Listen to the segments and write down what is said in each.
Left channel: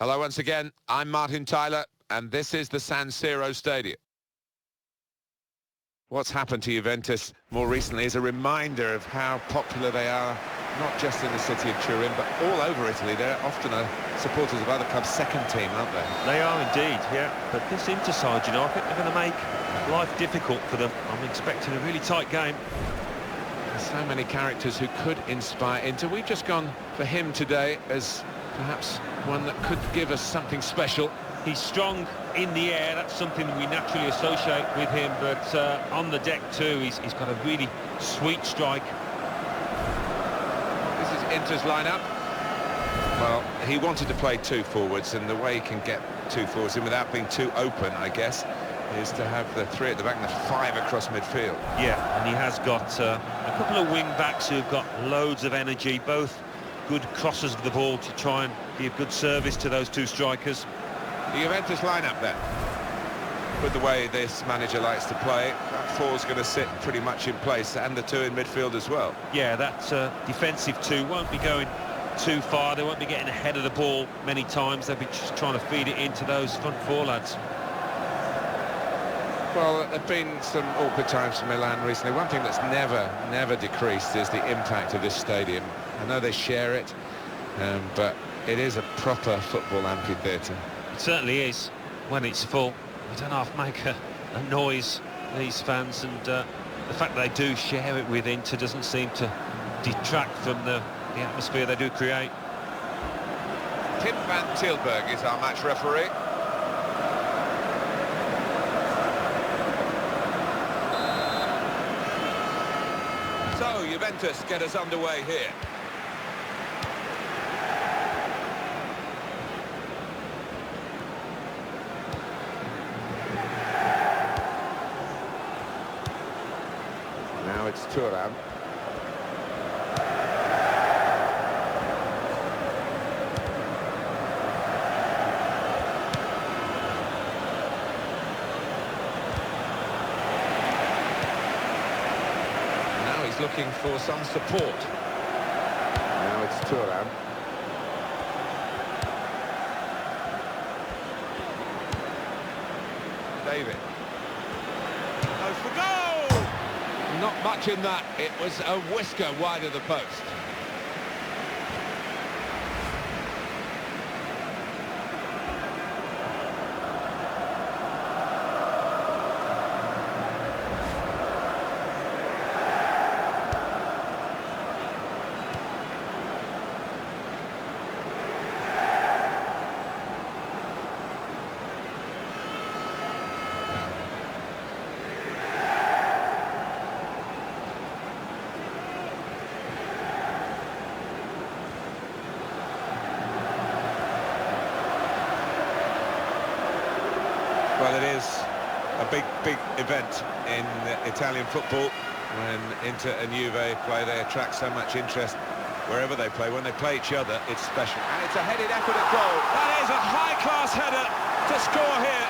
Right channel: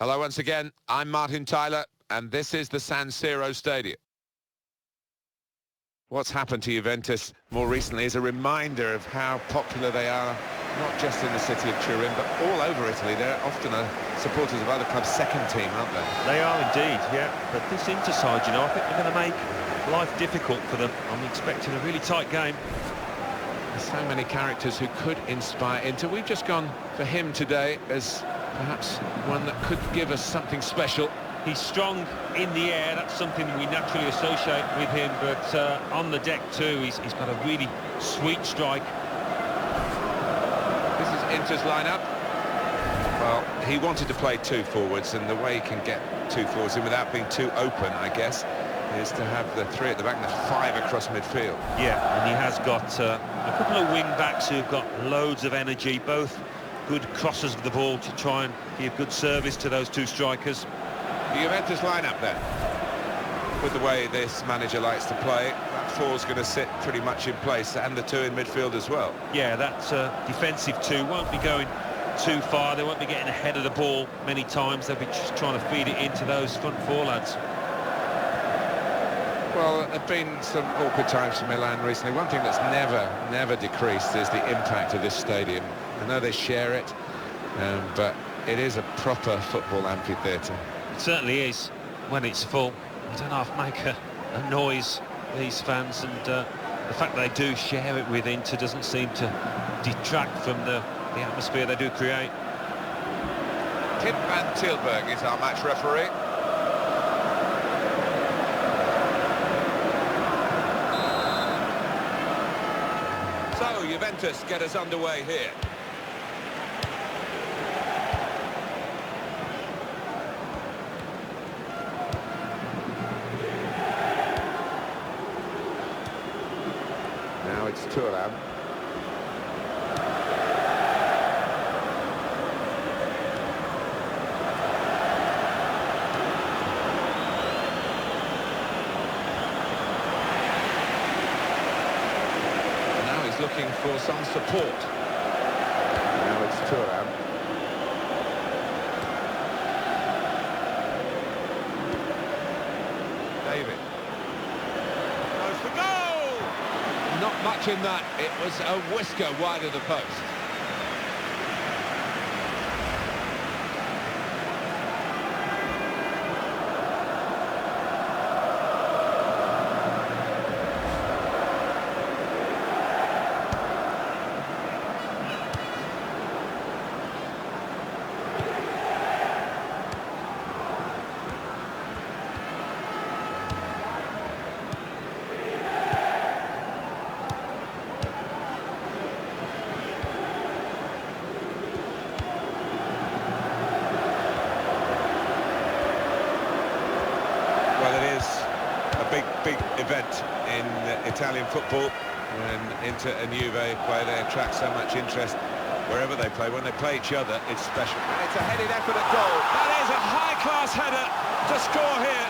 Hello once again, I'm Martin Tyler, and this is the San Siro Stadium. What's happened to Juventus more recently is a reminder of how popular they are, not just in the city of Turin, but all over Italy. They're often supporters of other clubs' second team, aren't they? They are indeed, yeah. But this Inter side, I think they're going to make life difficult for them. I'm expecting a really tight game. There's so many characters who could inspire Inter. We've just gone for him today as perhaps one that could give us something special. He's strong in the air, that's something we naturally associate with him, but on the deck too, he's got a really sweet strike. This is Inter's lineup. Well, he wanted to play two forwards, and the way he can get two forwards in without being too open, I guess, is to have the three at the back and the five across midfield. Yeah, and he has got a couple of wing-backs who've got loads of energy, both good crossers of the ball to try and give good service to those two strikers. The Juventus lineup then. With the way this manager likes to play, that four's going to sit pretty much in place, and the two in midfield as well. Yeah, that defensive two won't be going too far. They won't be getting ahead of the ball many times. They'll be just trying to feed it into those front four lads. Well, there have been some awkward times for Milan recently. One thing that's never decreased is the impact of this stadium. I know they share it, but it is a proper football amphitheatre. It certainly is. When it's full, you don't have to make a noise, these fans, and the fact that they do share it with Inter doesn't seem to detract from the atmosphere they do create. Tim van Tilburg is our match referee. So, Juventus get us underway here. Now it's Thuram. Now he's looking for some support. Now it's Thuram. David. Goes for goal! Not much in that. It was a whisker wide of the post. Well, it is a big event in Italian football. When Inter and Juve play, they attract so much interest wherever they play. When they play each other, it's special. And it's a headed effort at goal. That is a high-class header to score here.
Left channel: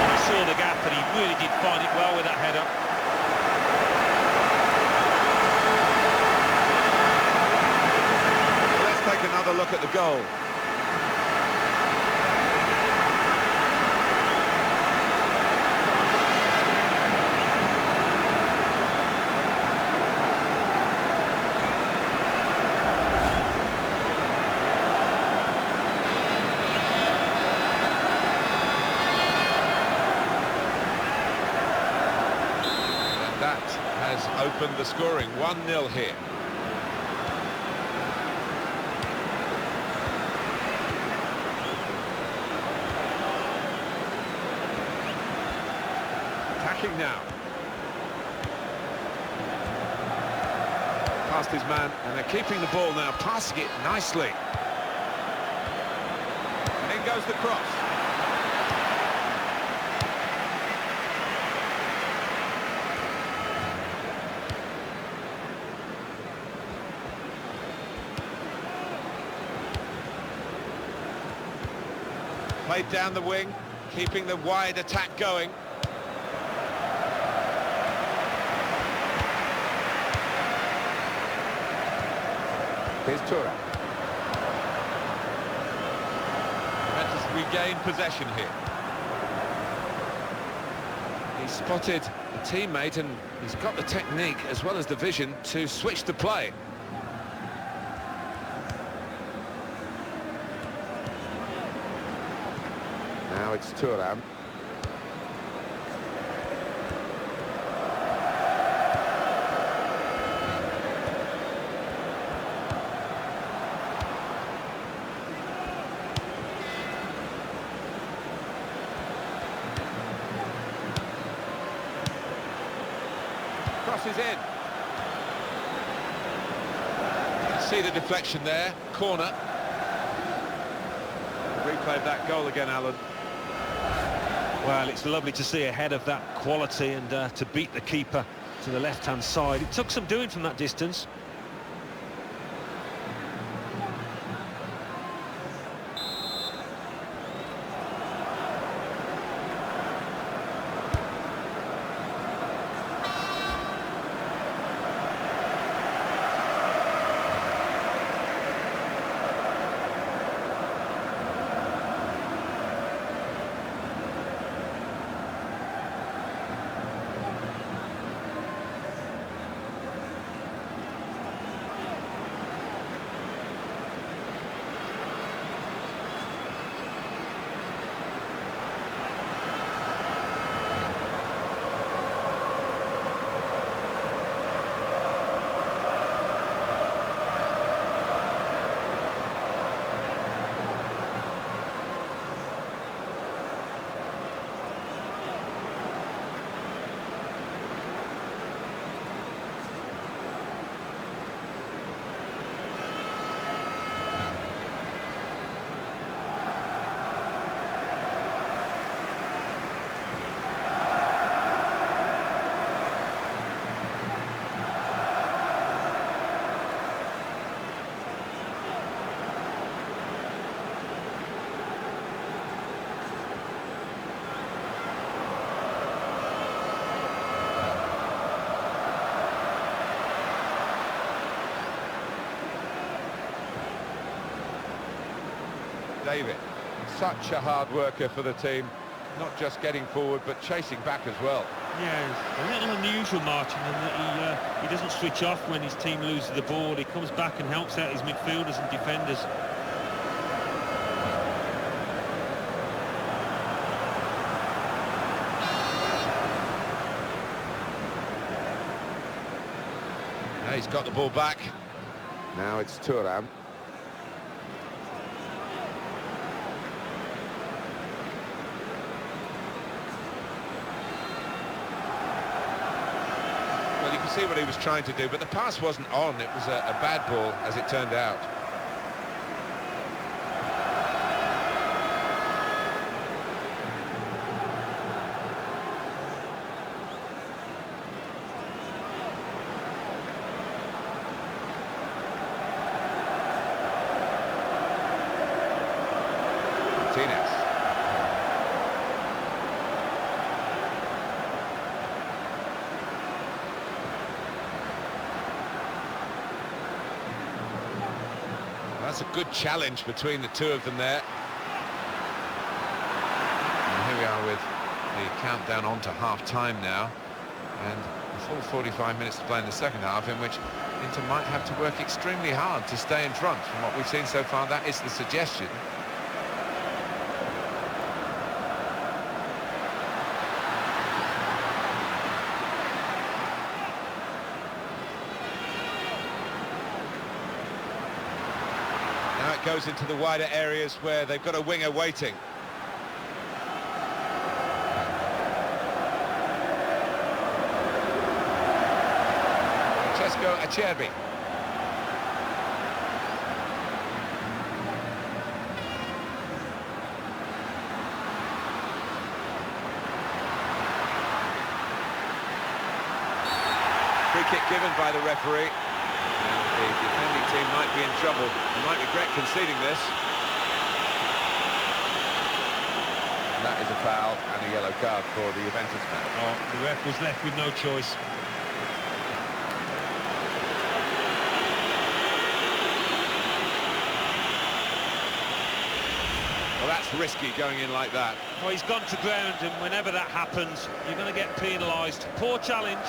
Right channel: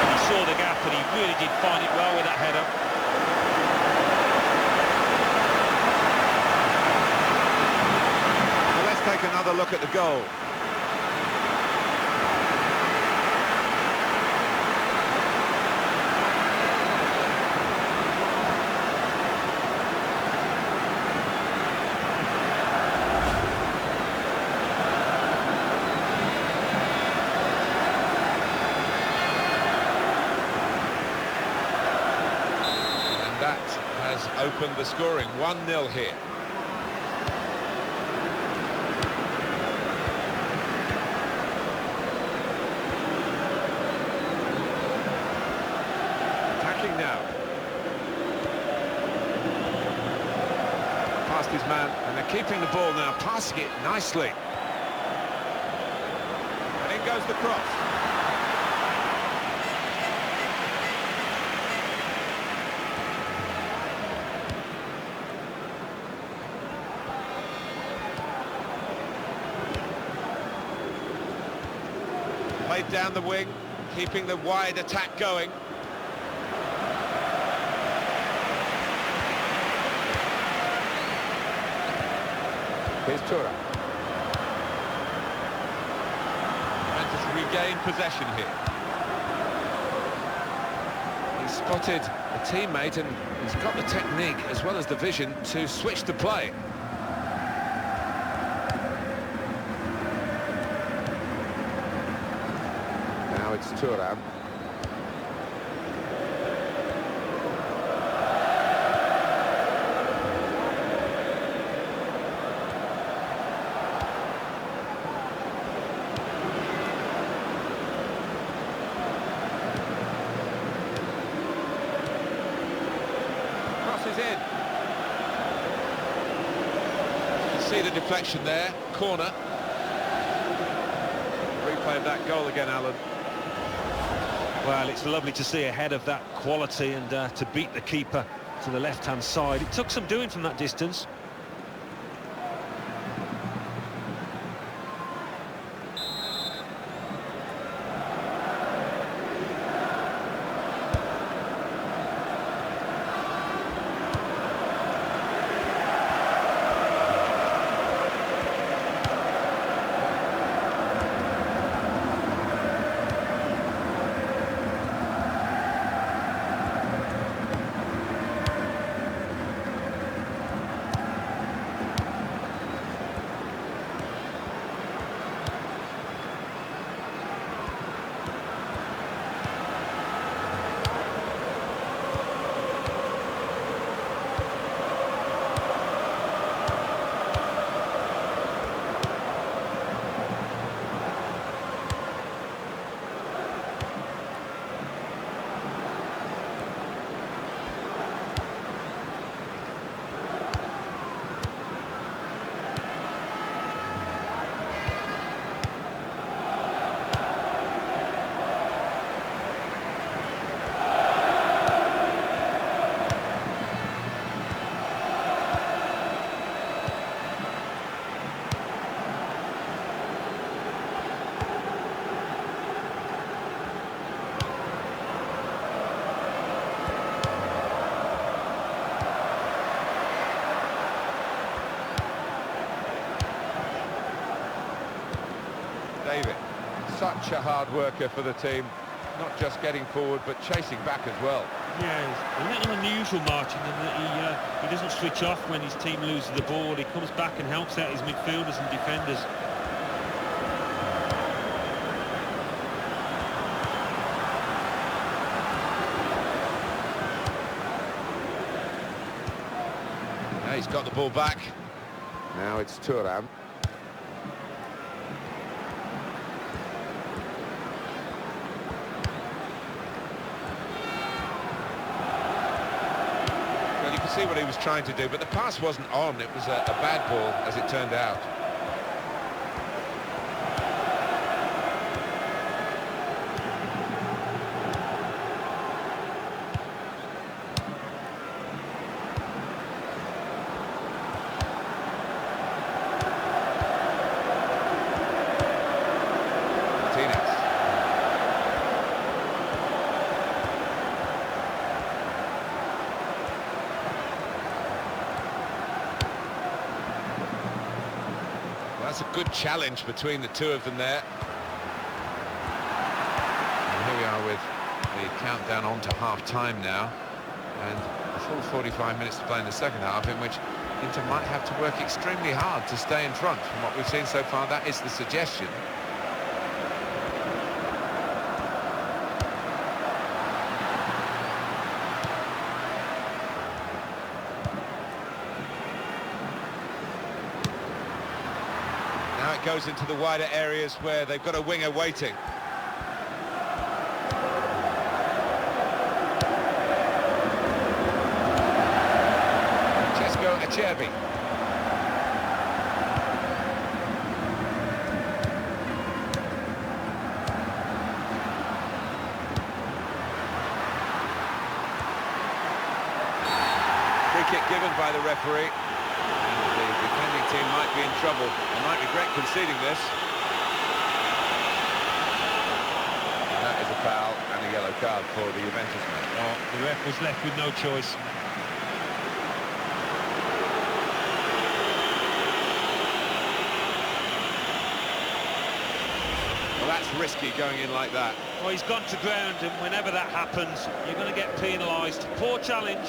And he saw the gap, and he really did find it well with that header. Take another look at the goal. And that has opened the scoring. 1-0 here. Now past his man, and they're keeping the ball now, passing it nicely, and in goes the cross. Played down the wing, keeping the wide attack going. Here's Thuram. Juventus regain possession here. He's spotted a teammate and he's got the technique as well as the vision to switch the play. Now it's Thuram. Crosses in. You can see the deflection there. Corner. The replay of that goal again, Alan. Well, it's lovely to see ahead of that quality and to beat the keeper to the left-hand side. It took some doing from that distance. David, such a hard worker for the team, not just getting forward but chasing back as well. Yeah, it's a little unusual marching in that he doesn't switch off when his team loses the ball. He comes back and helps out his midfielders and defenders. Now he's got the ball back. Now it's Thuram. Well, you can see what he was trying to do, but the pass wasn't on. It was a bad ball, as it turned out. Martinez. That's a good challenge between the two of them there. And here we are with the countdown on to half-time now. And a full 45 minutes to play in the second half, in which Inter might have to work extremely hard to stay in front. From what we've seen so far, that is the suggestion. Now it goes into the wider areas where they've got a winger waiting. Francesco Acerbi. Free kick given by the referee. The defending team might be in trouble and might regret conceding this. And that is a foul and a yellow card for the Juventus man. Oh, the ref was left with no choice. Well, that's risky going in like that. Well, he's gone to ground, and whenever that happens, you're going to get penalised. Poor challenge.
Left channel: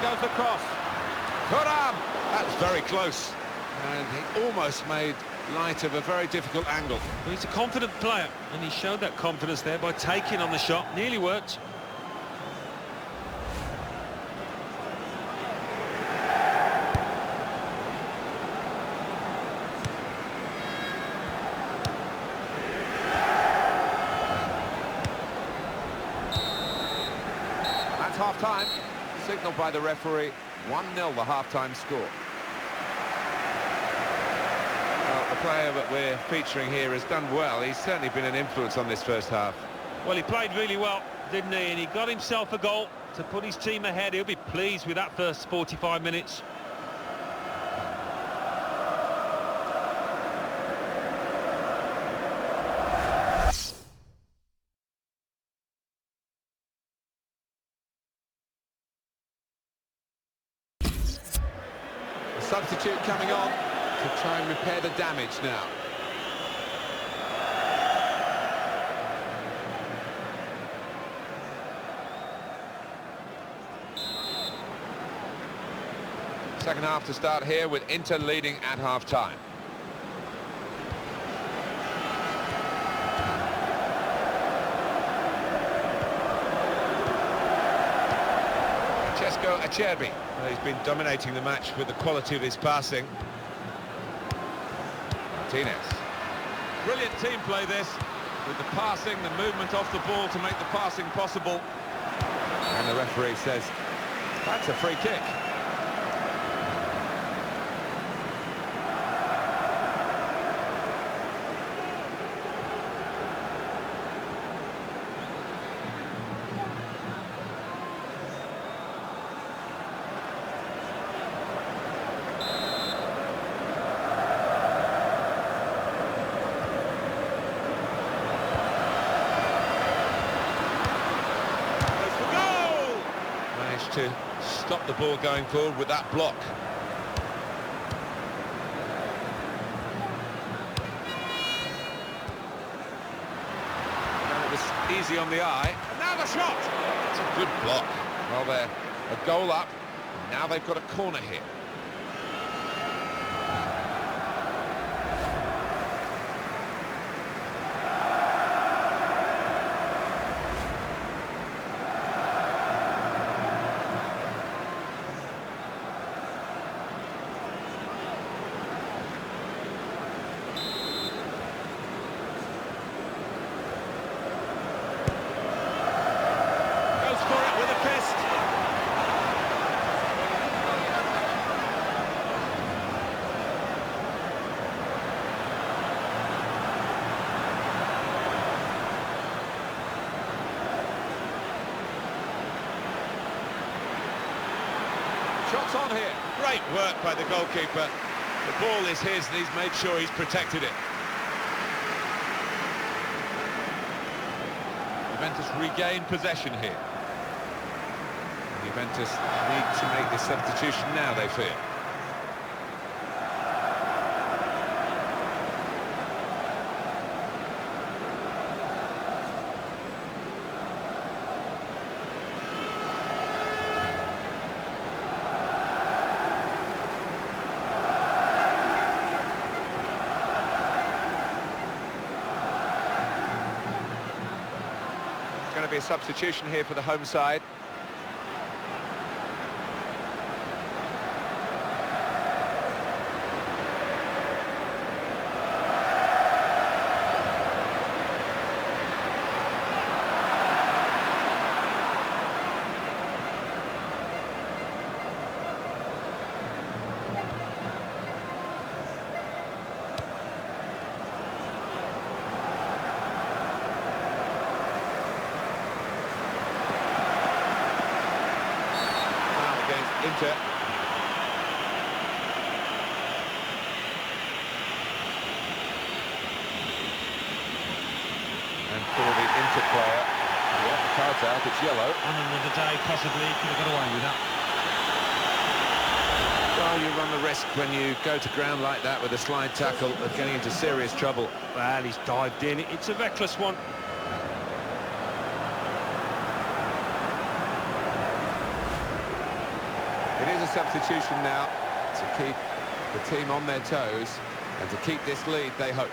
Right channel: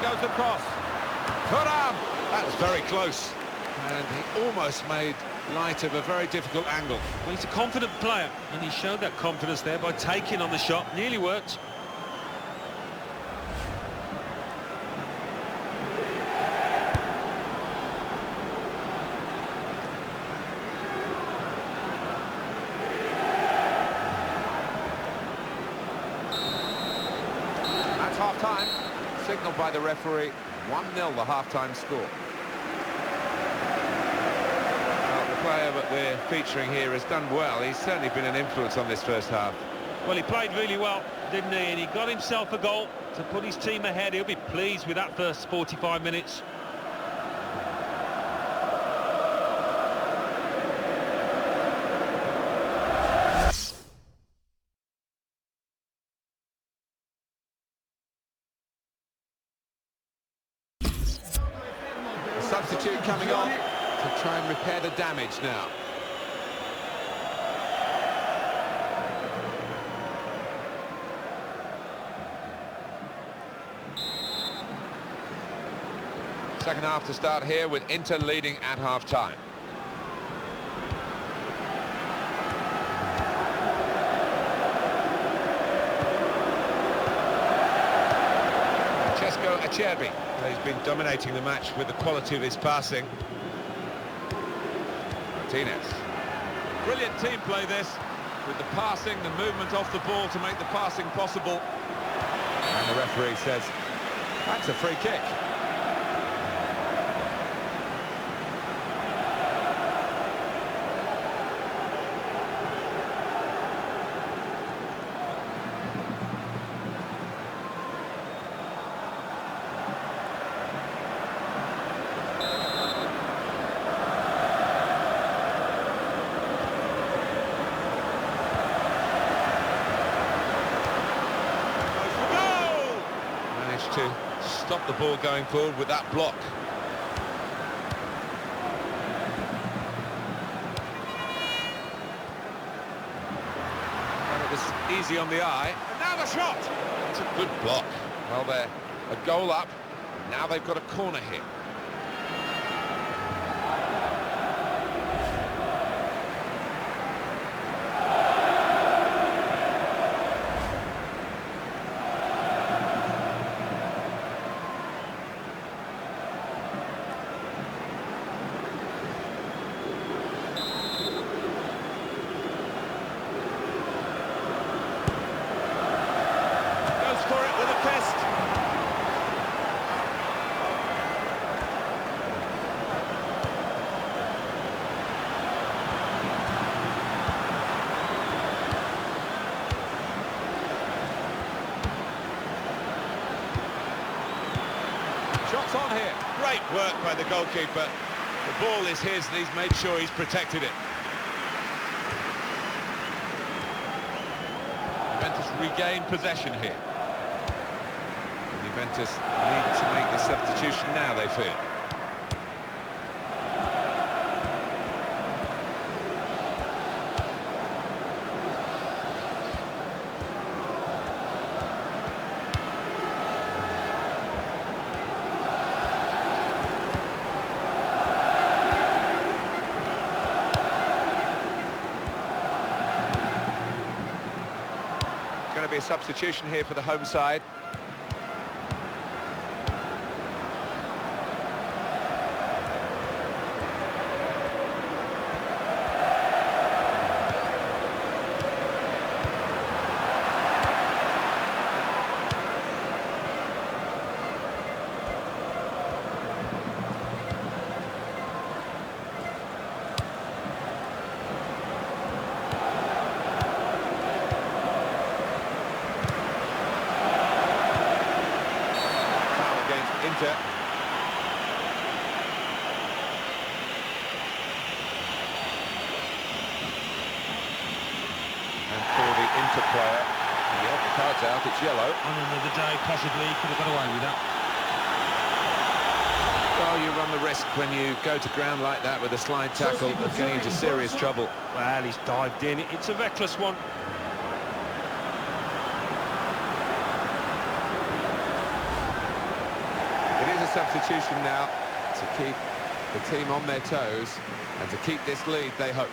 Goes the cross. Thuram! That was very close. And he almost made light of a very difficult angle. Well, he's a confident player, and he showed that confidence there by taking on the shot. Nearly worked. That's half-time. Signalled by the referee, 1-0 the half-time score. Well, the player that we're featuring here has done well. He's certainly been an influence on this first half. Well, he played really well, didn't he? And he got himself a goal to put his team ahead. He'll be pleased with that first 45 minutes. Substitute coming on to try and repair the damage now. Second half to start here with Inter leading at half-time. Francesco Acerbi. He's been dominating the match with the quality of his passing. Martinez. Brilliant team play this, with the passing, the movement off the ball to make the passing possible. And the referee says, that's a free kick. To stop the ball going forward with that block. And it was easy on the eye. And now the shot! It's a good block. Well, they're a goal up, and now they've got a corner here. For it with a fist. Shots on here. Great work by the goalkeeper. The ball is his and he's made sure he's protected it. Juventus regain possession here. Juventus need to make this substitution now, they feel. Going to be a substitution here for the home side. against Inter. And for the Inter player, yeah, the card's out, it's yellow. On another day, possibly, he could have got away with that. Well, you run the risk when you go to ground like that with a slide tackle of getting into serious trouble. Well, he's dived in. It's a reckless one. It is a substitution now to keep the team on their toes and to keep this lead, they hope.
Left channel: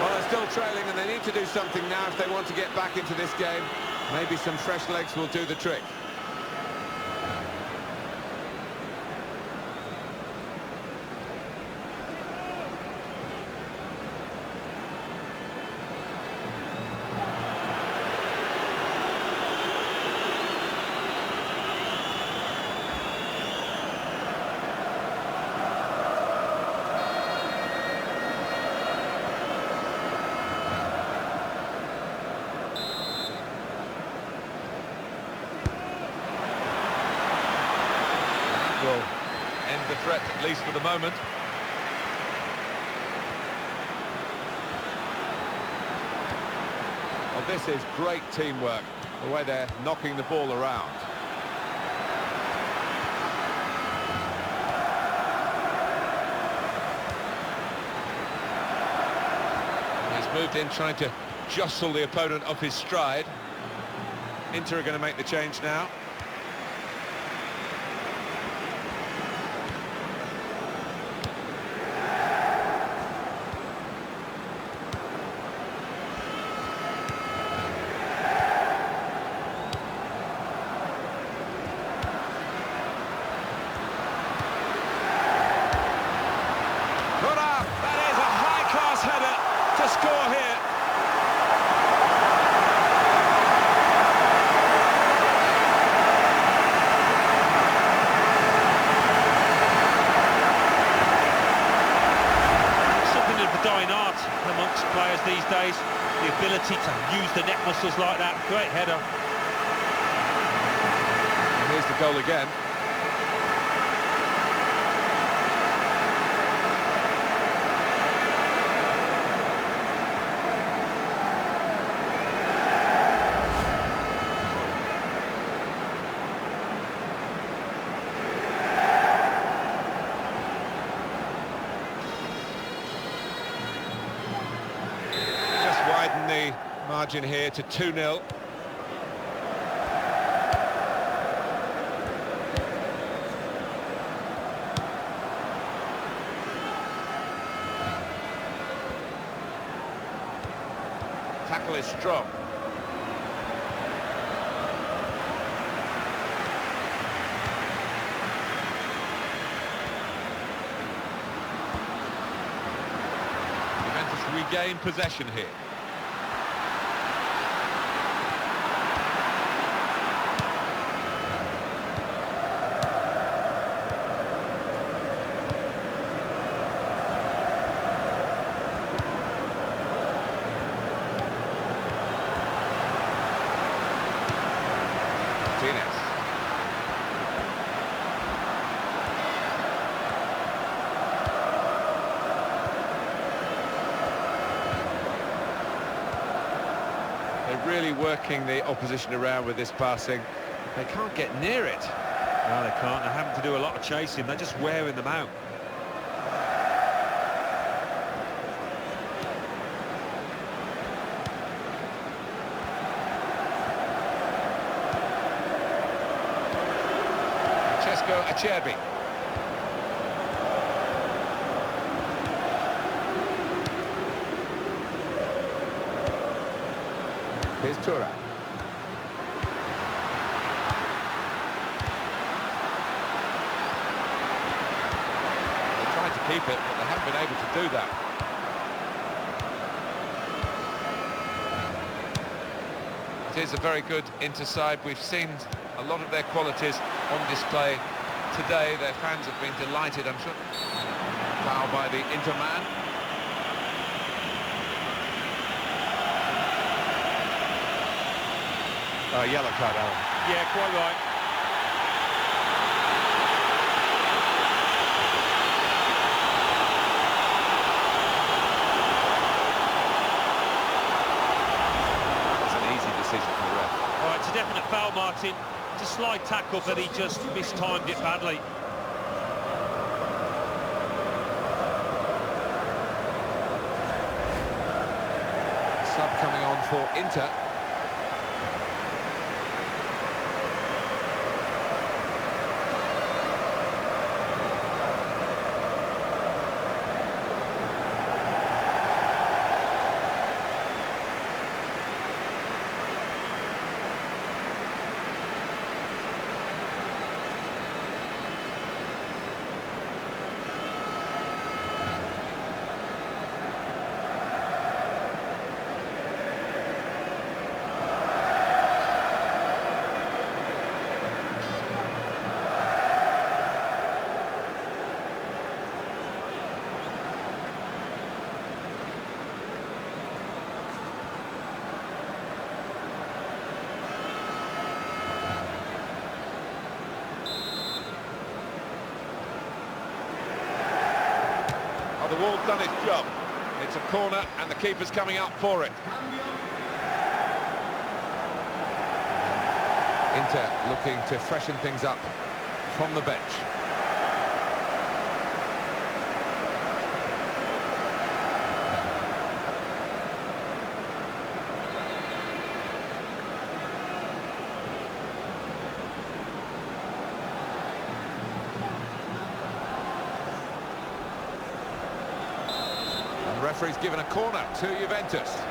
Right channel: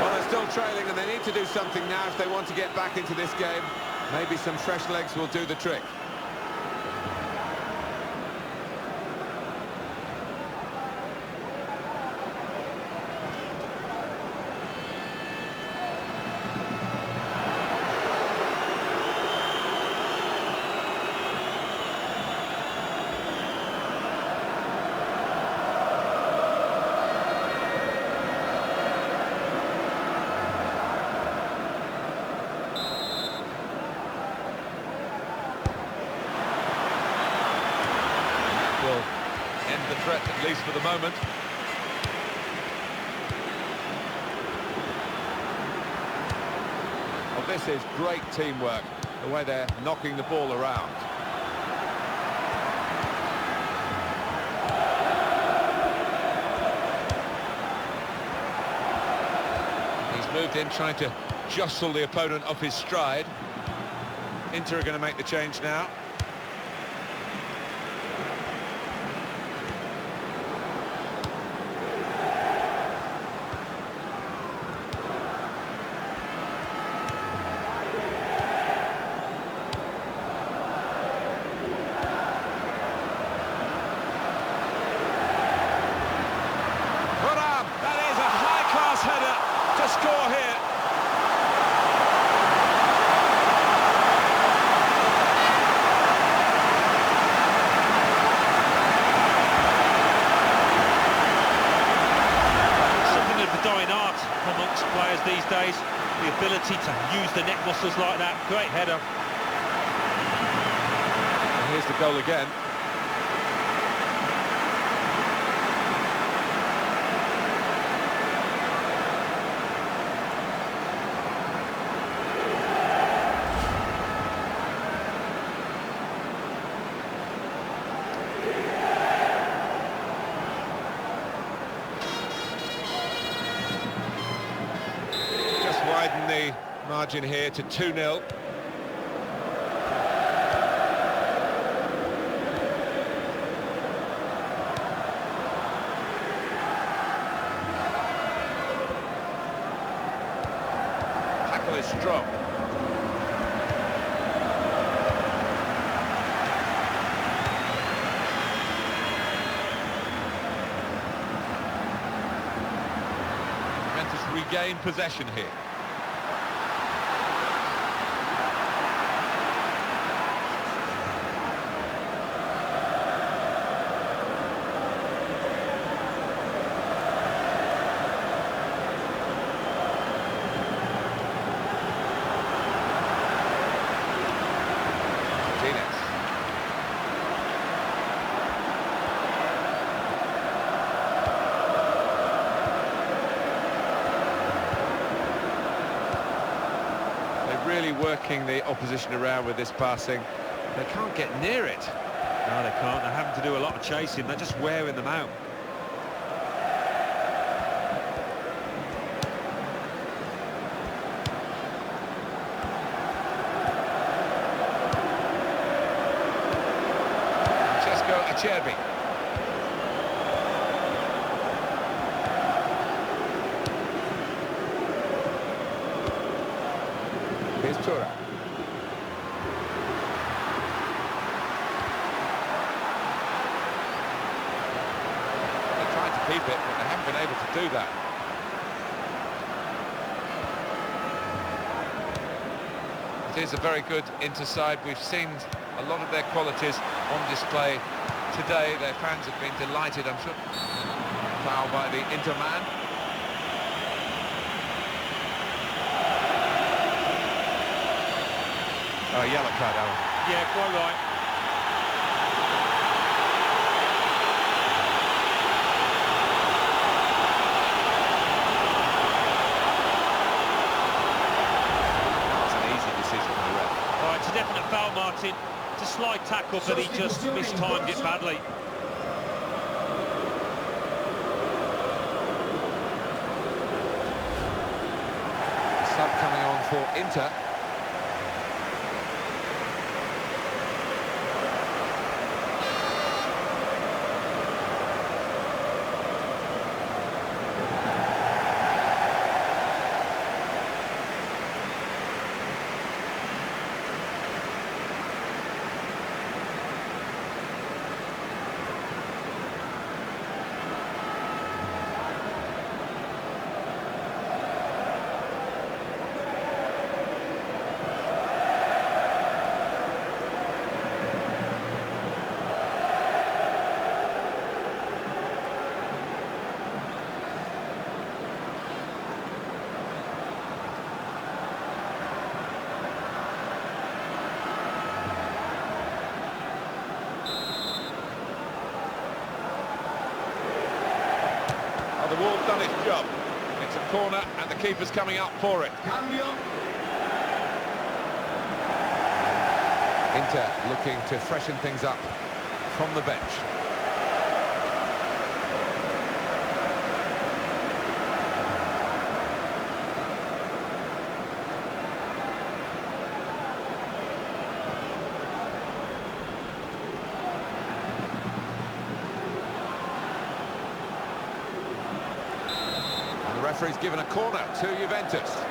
Well, they're still trailing and they need to do something now if they want to get back into this game. Maybe some fresh legs will do the trick. Will end the threat, at least for the moment. Well, this is great teamwork, the way they're knocking the ball around. He's moved in, trying to jostle the opponent off his stride. Inter are going to make the change now. That is a high-class header to score here. It's something of the dying art amongst players these days, the ability to use the neck muscles like that. Great header. And here's the goal again. Widen the margin here to 2-0. Tackle is strong. Juventus regain possession here. Martinez. They're really working the opposition around with this passing. They can't get near it. No, they can't. They're having to do a lot of chasing. They're just wearing them out. Acerbi. Here's Tura. The tried to keep it, but they haven't been able to do that. It is a very good interside. We've seen a lot of their qualities on display today. Their fans have been delighted, I'm sure. Foul by the Inter man. Yellow card, Alan. Yeah, quite right. That was an easy decision for the ref. All right, it's a definite foul, Martin. It's a slide tackle, but he just mistimed it badly. Sub coming on for Inter. Oh, the wall's done its job. It's a corner and the keeper's coming up for it. Inter looking to freshen things up from the bench. And the referee's given a corner to Juventus.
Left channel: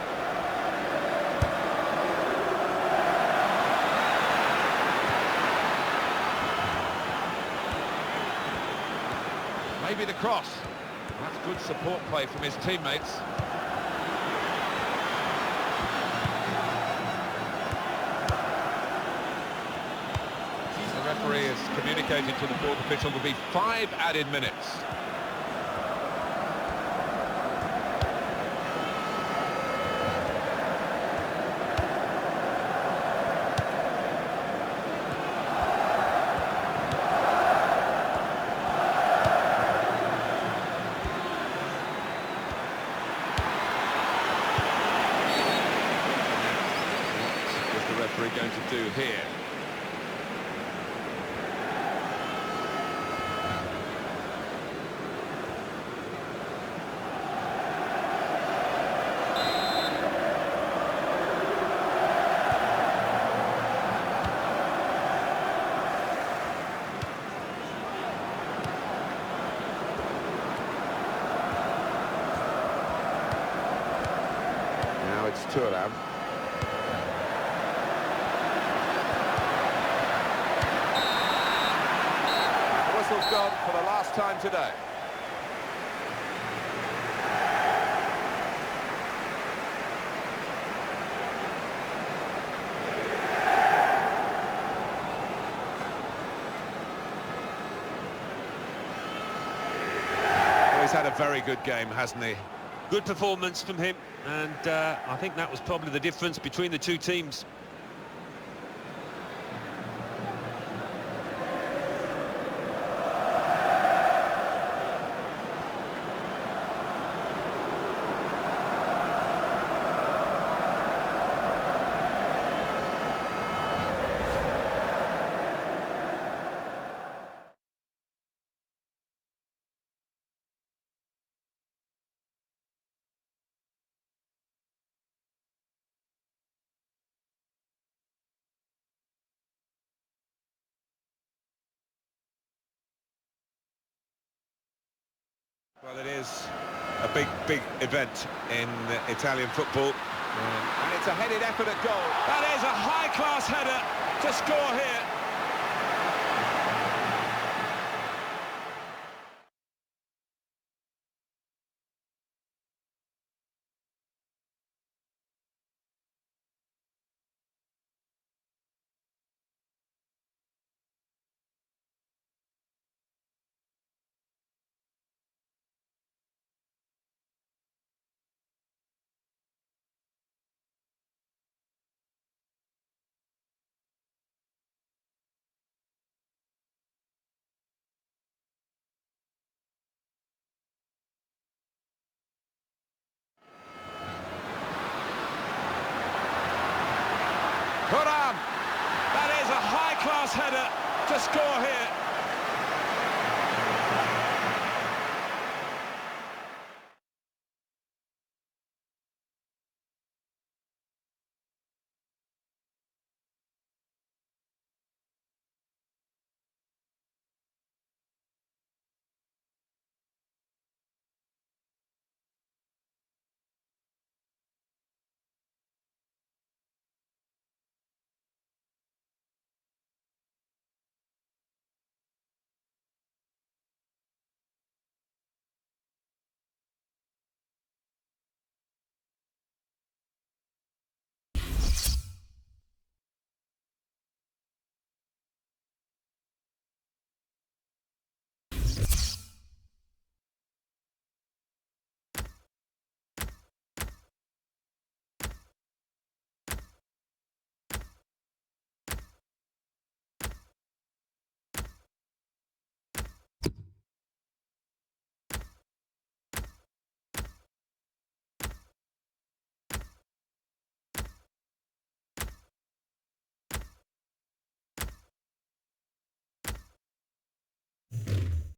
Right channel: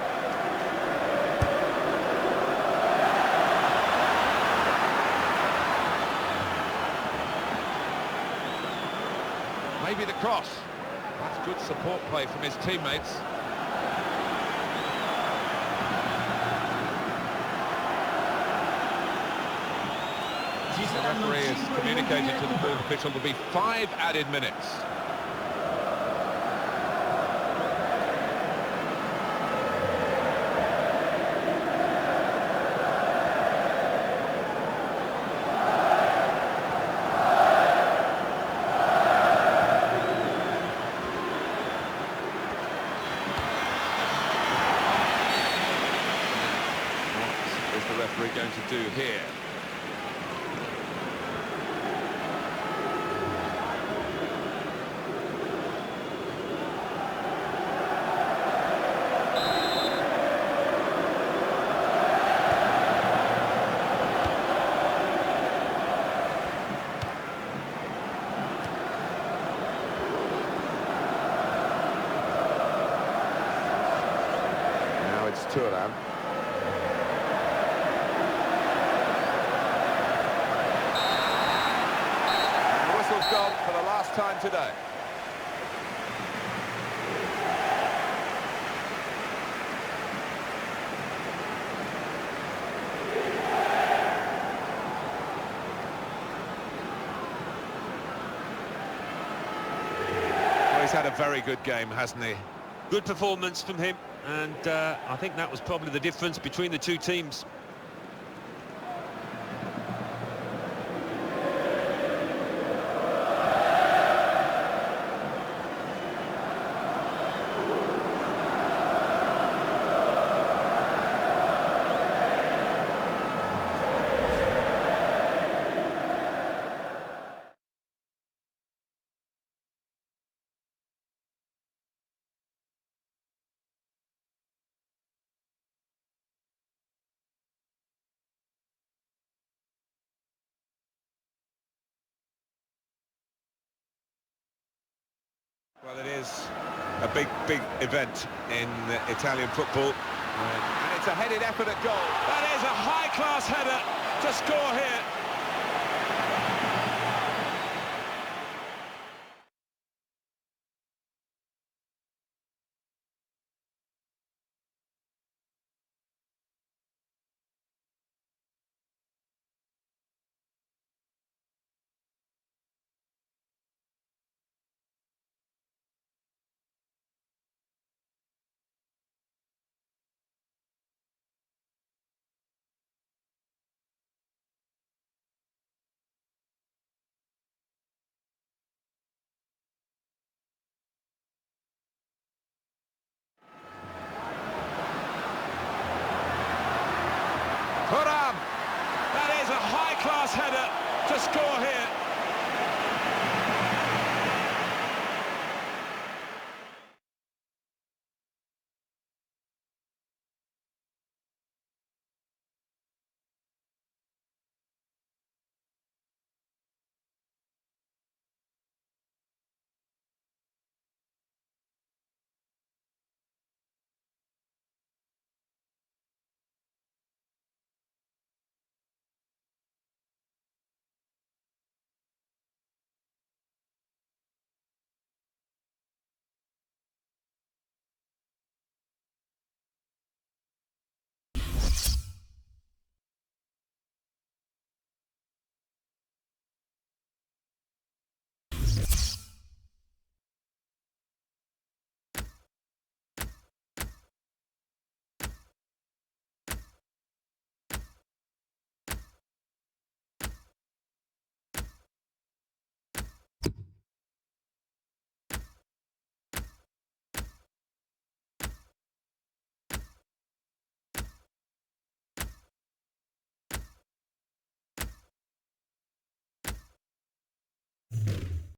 Maybe the cross. That's good support play from his teammates. The referee has communicated to the fourth official there'll be 5 added minutes. What is the referee going to do here? Now it's Turan. And the whistle's gone for the last time today. Well, he's had a very good game, hasn't he? Good performance from him, and I think that was probably the difference between the two teams. Well, it is a big event in Italian football. And it's a headed effort at goal. That is a high-class header to score here. Thuram! That is a high-class header to score here.